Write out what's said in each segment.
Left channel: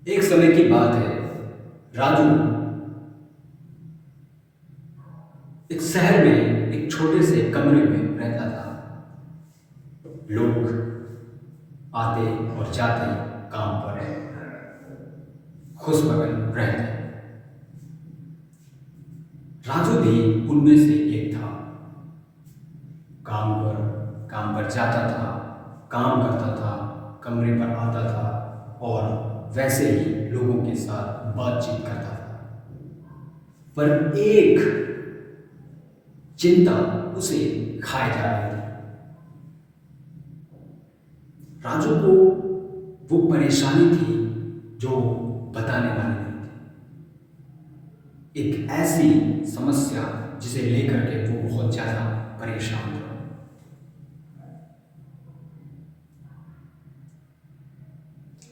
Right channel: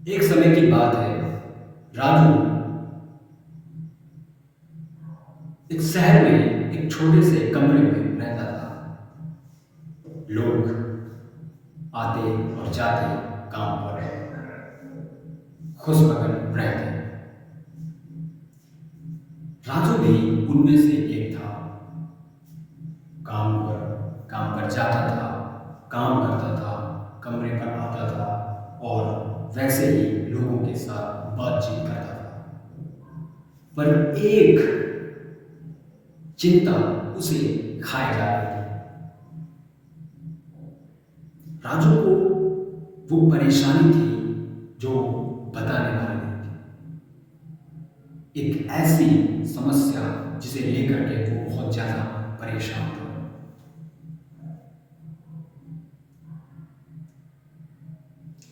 एक समय की बात है। राजू एक शहर में एक छोटे से कमरे में रहता था। लोग आते और जाते, काम पर खुशमगन रहते। राजू भी उनमें से एक था। काम पर जाता था, काम करता था, कमरे पर आता था और वैसे ही लोगों के साथ बातचीत करता था। पर एक चिंता उसे खाए जा रही थी। राजू को वो परेशानी थी जो बताने वाली नहीं थी। एक ऐसी समस्या जिसे लेकर के वो बहुत ज्यादा परेशान था।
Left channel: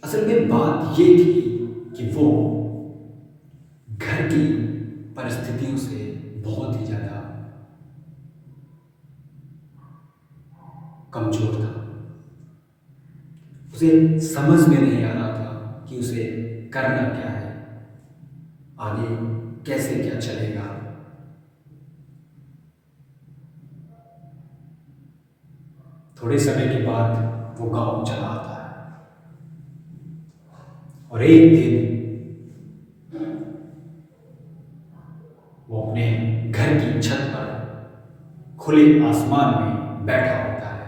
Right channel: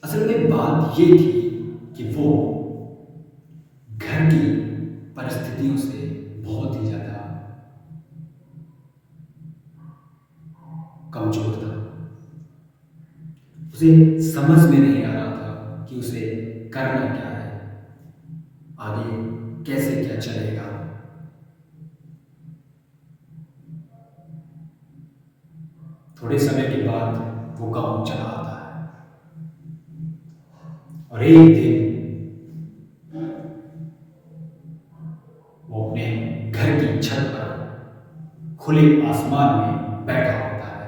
असल में बात ये थी कि वो घर की परिस्थितियों से बहुत ही ज्यादा कमजोर था। उसे समझ में नहीं आ रहा था कि उसे करना क्या है, आगे कैसे क्या चलेगा। थोड़े समय के बाद वो गांव चला आता है और एक दिन वो अपने घर की छत पर खुले आसमान में बैठा होता है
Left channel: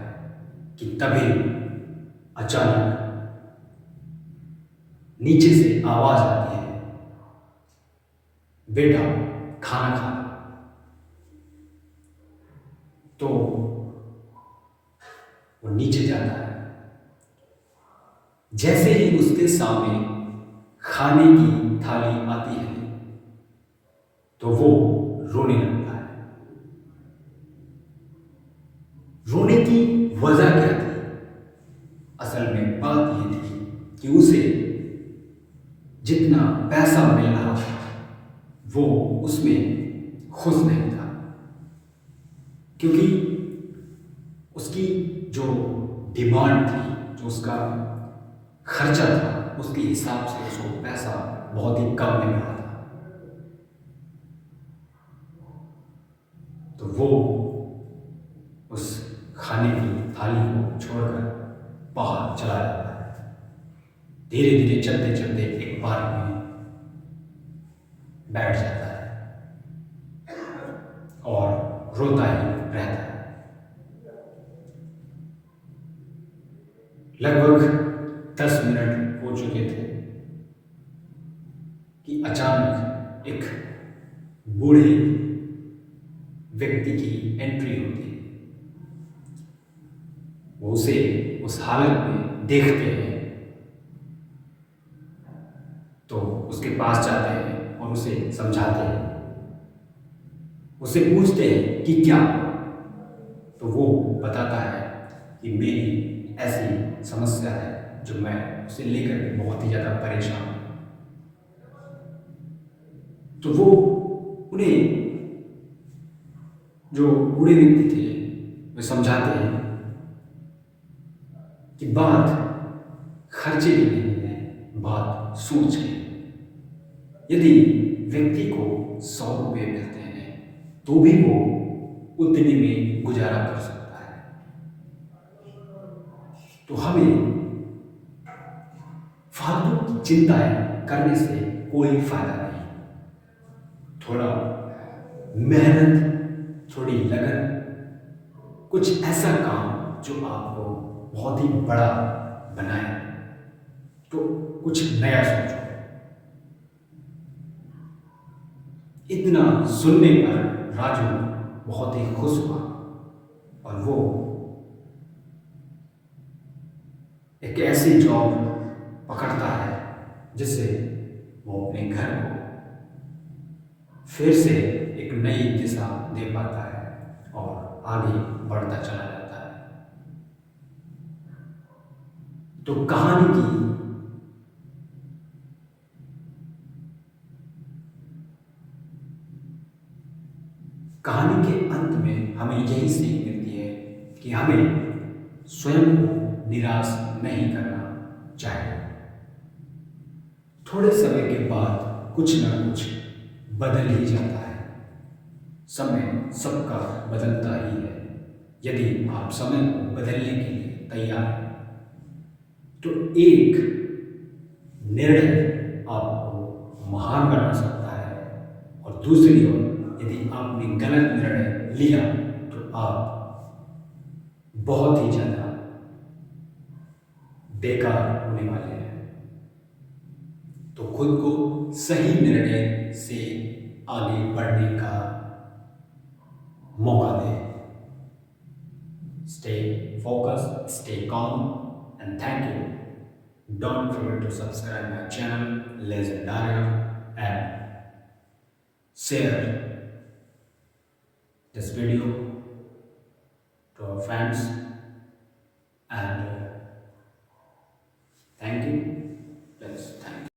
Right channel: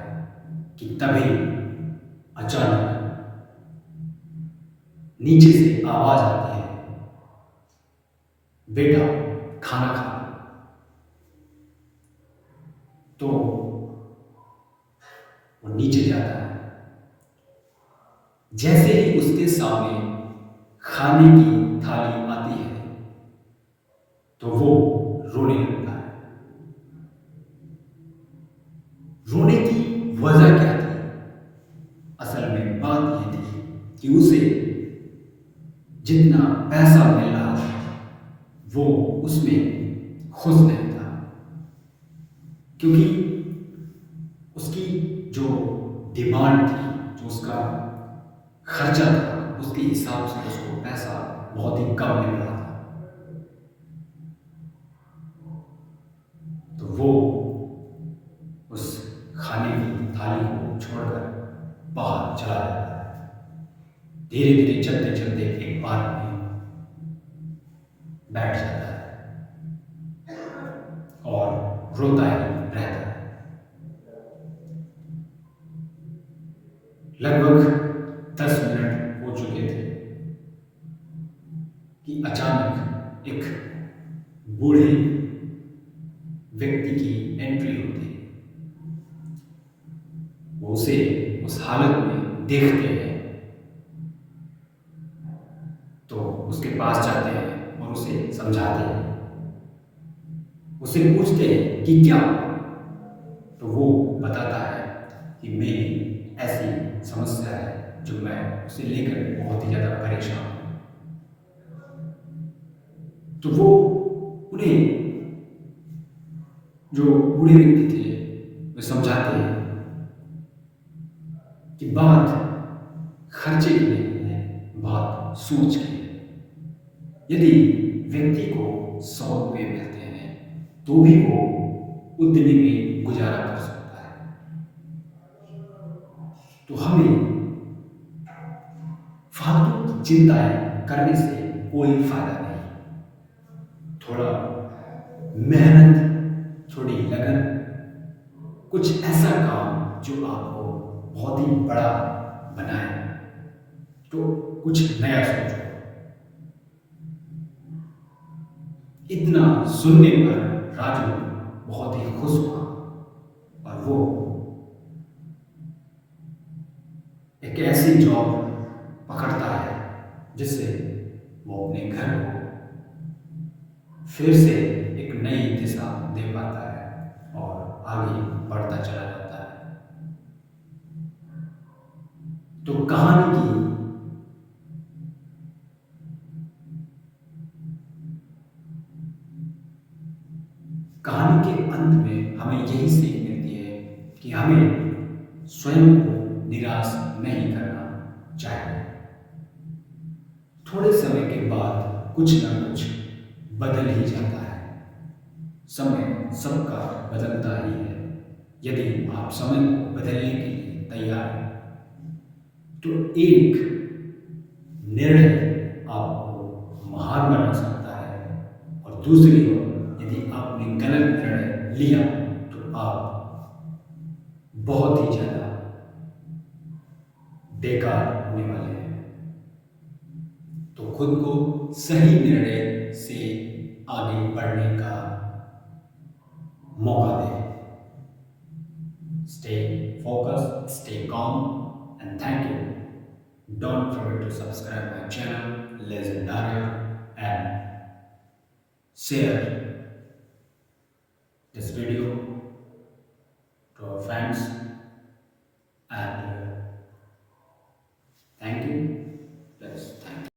कि तभी अचानक नीचे से आवाज आती है, बेटा खाना खा। तो वो नीचे जाता है। जैसे ही उसके सामने खाने की थाली आती है तो वो रोने लगता है। रोने की वजह क्या थी? असल में बात यह थी कि उसे जितना पैसा मिल रहा था वो उसमें खुश नहीं था, क्योंकि उसकी जो डिमांड थी, जो उसका खर्चा था, उसके हिसाब से उसको पैसा बहुत ही कम मिल रहा था। तो वो उस खाने की थाली को छोड़कर बाहर चला जाता है। धीरे धीरे चलते चलते एक पार्क में बैठ जाता है और रोता ही रहता है। लगभग 10 मिनट हो चुके थे कि अचानक एक बूढ़े व्यक्ति की एंट्री होती है। वो उसे उस हालत में देखते हैं तो उसके पास जाते हैं और उसे समझाते हैं। उससे पूछते हैं कि क्या। तो वो बताता है कि मेरी ऐसी समस्या है जो मैं उसे लेकर के बहुत ही ज़्यादा परेशान हूँ। तो वो उन्हें, जो बूढ़े व्यक्ति थे, वे समझाते हैं कि बात खर्चे की नहीं है, बात सोच की है। यदि व्यक्ति को 100 रुपये मिलते हैं तो भी वो उतने में गुजारा कर सकता है। तो हमें फालतू की चिंताएं करने से कोई फायदा नहीं। थोड़ा मेहनत, थोड़ी लगन, कुछ ऐसा काम जो आपको बहुत ही बड़ा बनाए, तो कुछ नया सोचो। इतना सुनने पर राजू बहुत ही खुश हुआ और वो एक ऐसी जॉब पकड़ता है जिससे वो अपने घर को फिर से एक नई दिशा दे पाता है और आगे बढ़ता चला जाता है। तो कहानी के अंत में हमें यही सीख मिलती है कि हमें स्वयं को निराश नहीं करना चाहिए। थोड़े समय के बाद कुछ ना कुछ बदल ही जाता है। समय सबका बदलता ही है। यदि आप समय को बदलने के लिए तैयार हैं तो एक निर्णय आपको महान बना सकता है, और दूसरी ओर यदि आपने गलत निर्णय लिया तो आप बहुत ही ज़्यादा बेकार होने वाले हैं। तो खुद को सही निर्णय से आगे बढ़ने का मौका दें। Stay focused, stay calm, and thank you. Don't forget to subscribe my channel, Legendaria, and share this video to our friends. And thank you. Yes, thank you.